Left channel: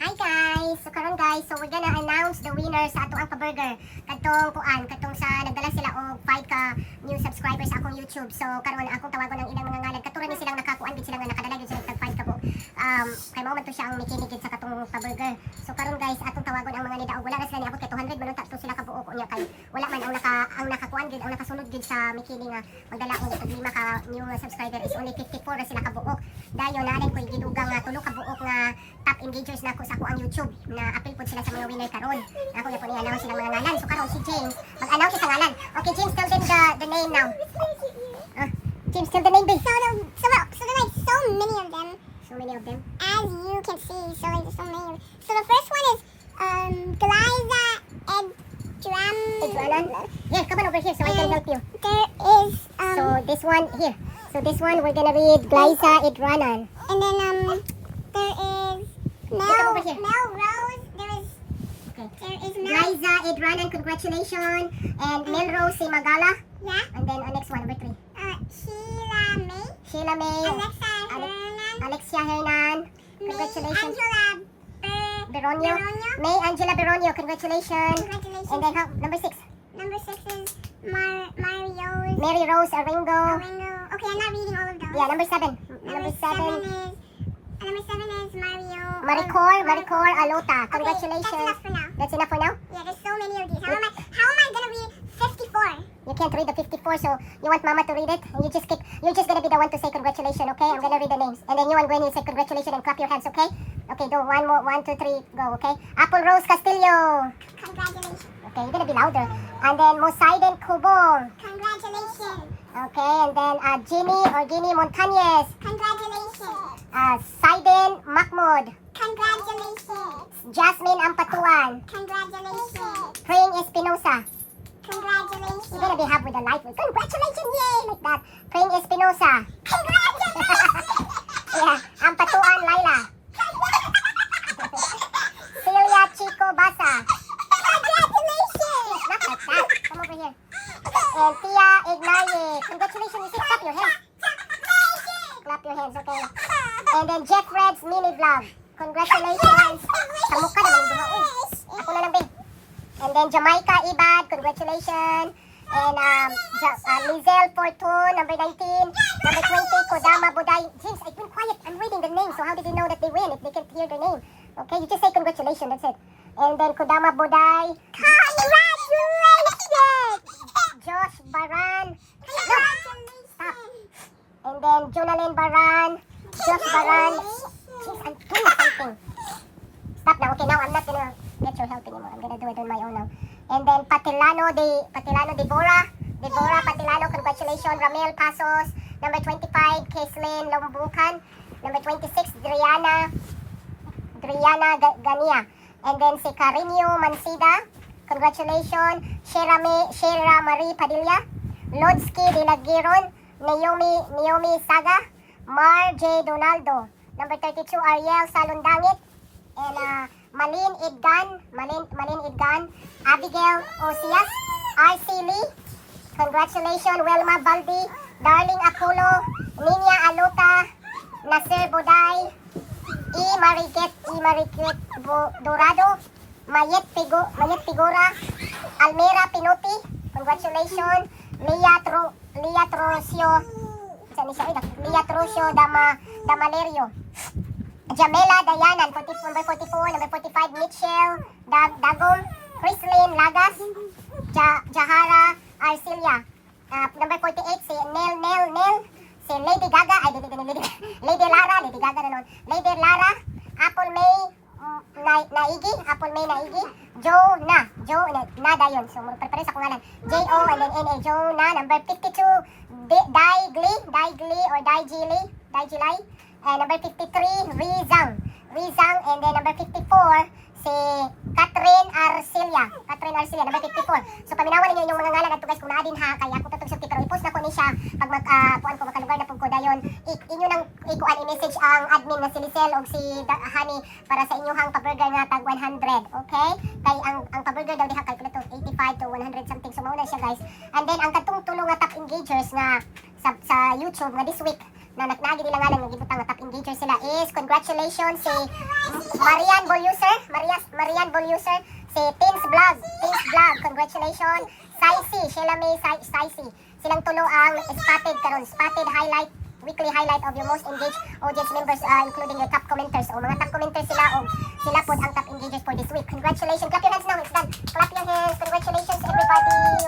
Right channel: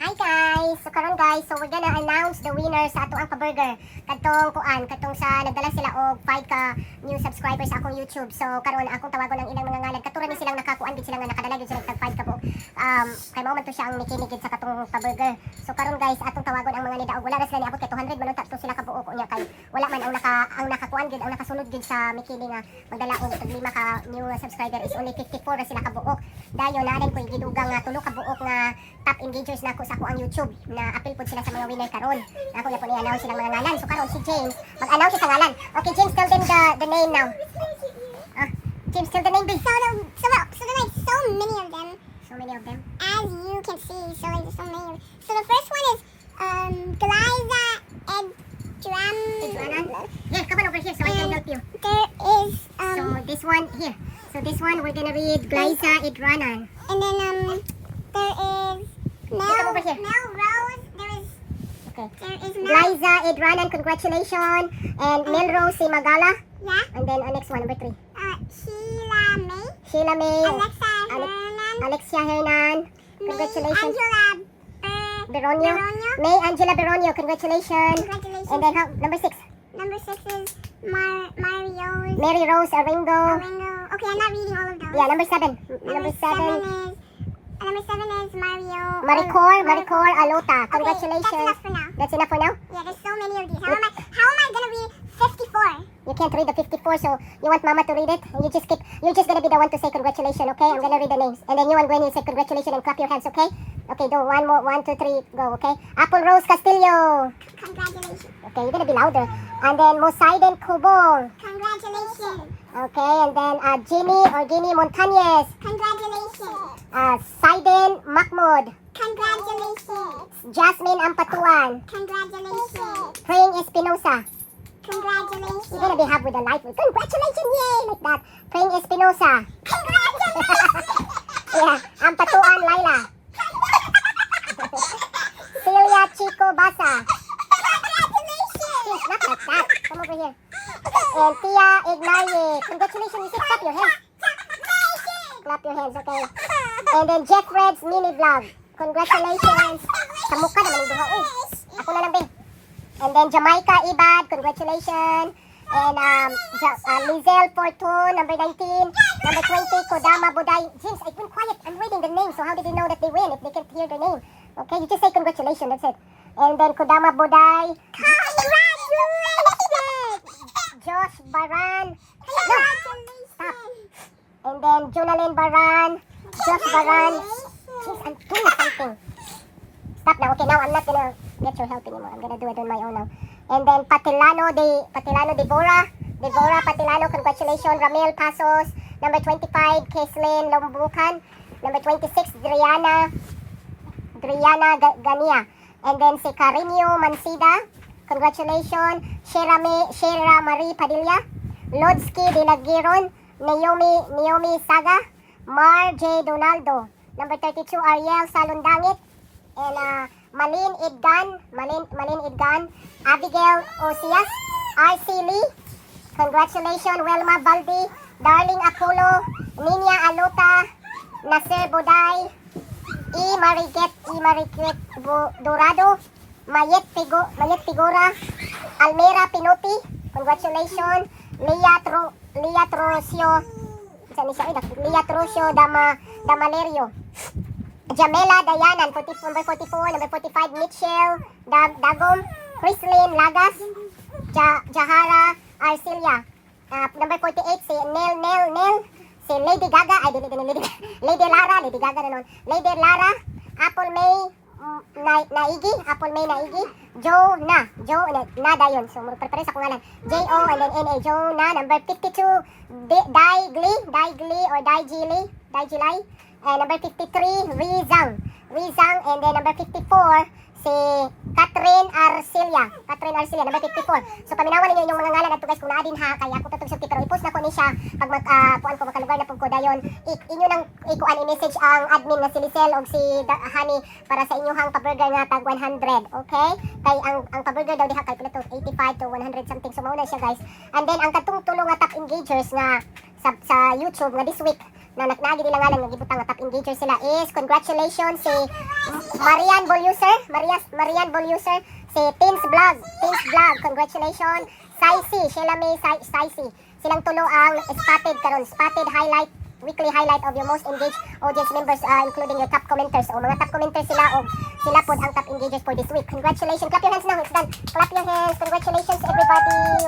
Hi guys! So karon guys, so we're gonna announce the winner sa ato ang pa-burger. Katong sa nagdala sila og 5 ka new subscribers sa akong YouTube. So karon akong tawagon ang ilang mga ngalan. Katuran ni silang nakakuan gid sila nga nakadala gid sila tag 5 ka po. Kay mao man to siya ang mikiligid sa katong pa-burger. So karon guys, atong tawagon ang mga nida og wala ra sila ni abot kay 200 man tatlo sila ka buok unya kay wala man ang nakakuan gid ang nakasunod gid sa mikili nga magdala og 5 ka new subscriber is only 54 ra sila ka buok. Dayon na ko gidugang nga tulo ka buok nga top engagers na ako sa ako ang YouTube na appeal po sila sa mga winner karon. Ako na po i-announce silang mga ngalan. So karon si James, mag-announce siya sa ngalan. Okay, James, tell them the name now. James, tell the name, please. So there like so many of them. So many of them. As you can see, so like there's so many of them. So the first one is Glyza Edran. Yeah, come on over here so I can help you. There is So this one here. So this one we're gonna read Glyza Edranan. and then there is Come over here. Mel Rose. Okay. There is Mel. Glyza Edranan, congratulations. And Melrose Magala. Yeah. And then next one, number 3. Sheila May. Sheila May. Alexa Hernan. Alexia Hernan. Congratulations. Angela Beronio. May Angela Beronio, congratulations. Congratulations. And then number 6. Number 6 is Mario's. Mary Rose Aringo. Oringo. Okay, I'm not reading all of those. Yeah, number 7. Number 7 is Mario. Maricor Alota. Okay, Congratulations. that's enough for now. That's enough for now? Yeah, there's so many of these. How am I gonna read 54? You can't read the 54, so you want Mama to read it? You're just gonna be the one to say congratulations, okay? I'm gonna read the names. And then you and Gwen, you say congratulations and clap your hands, okay? Okay, do one more, 1, 2, 3, go, okay? Apple Rose Castillo. Congratulations. Okay, you're gonna be louder. And then Mosaiden Kubo. Congratulations. Okay, and then Ginny Montañez. Congratulations. Saiden Mahmoud. Congratulations. Jasmine Ampatuan. Congratulations. Praying Espinosa. Congratulations. You're gonna be happy with the light. Congratulations, yay! Like that. Praying Espinosa. Congratulations. Yeah, Ampatuan Laila. Celia Chico Basa. Congratulations. Not like that. Come over here. And Tia Ignaye. Congratulations, you said clap your hands. Clap your hands, okay? And then Jeff Red's mini vlog. Congratulations. Sa mukha naman duha. Ako na lang, babe. And then Jamaica Ibad. Congratulations. And Lizelle Fortune, number 19. Number 20, Kodama Buday. James, I've been quiet. I'm reading the name. So how did you know that they win if they can't hear the name? Okay, you just say congratulations. That's it. And then Kodama Buday. Congratulations. Josh Baran. Congratulations. And then Jonalyn Baran. Josh Baran. Jeez, I'm doing something. Stop now. Okay, now I'm not gonna get your help anymore. I'm gonna do it on my own now. And then Patilano Deborah. Deborah Patilano, congratulations. Ramel Pasos. Number 25, Keslin Lombukan. Number 26, Driana Gania. And then si Carinio Mansida. Congratulations. Shera Marie Padilla. Lodsky Dinagiron. Naomi Saga. Mar J. Donaldo. Number 32, Ariel Salundangit. And Malin Idgan. Abigail Osias. R.C. Lee. Congratulations. Welma Valdi. Darling Akulo. Ninya Anota. Nasir Buday. Mariket Dorado. Mayet Figura. Almera Pinuti. Congratulations. Lia Trusio. Lia Trusio Damalerio. Jamela Dayanan, number 44, number 45, Mitchell Dagong, Chrislyn Lagas, Jahara Arcilia, number 48, si Nel, si Lady Gaga, Lady Gaga na nun, Lady Lara, Apple May Naigi, Joe na dayon. So, magpapare sa kungalan. J-O and then N-A, Joe na, number 52, Dai Gli or Dai Gilay. And number 53, Rizang. And then number 54, si Catherine Arcilia, number 54. So paminawan ninyo yung mga ngalan ato guys kung naa din ha, kaya ako tatong sulti pero i-post na ko ni siya pag kuan ko makalugar na pug ko dayon. Inyo nang ikuan i-message ang admin na si Lisel o si Hani para sa inyong pa-burger na tag 100, okay? Kay ang pa-burger daw diha kay pila to 85 to 100 something, so mao na siya guys. And then ang katong tulong nga top engagers nga sa YouTube nga this week na nagi nila nga nang gibutang nga top engager sila is congratulations si Marian Boluser, Marian Boluser, si Tins Vlog, congratulations. Saisi, Sheila May Saisi. Silang tulo ang spotted karon, spotted highlight, weekly highlight of your most engaged audience members, including your top commenters. O mga top commenters sila o sila po ang top engagers for this week. Congratulations. Clap your hands now. It's done. Clap your hands. Congratulations everybody.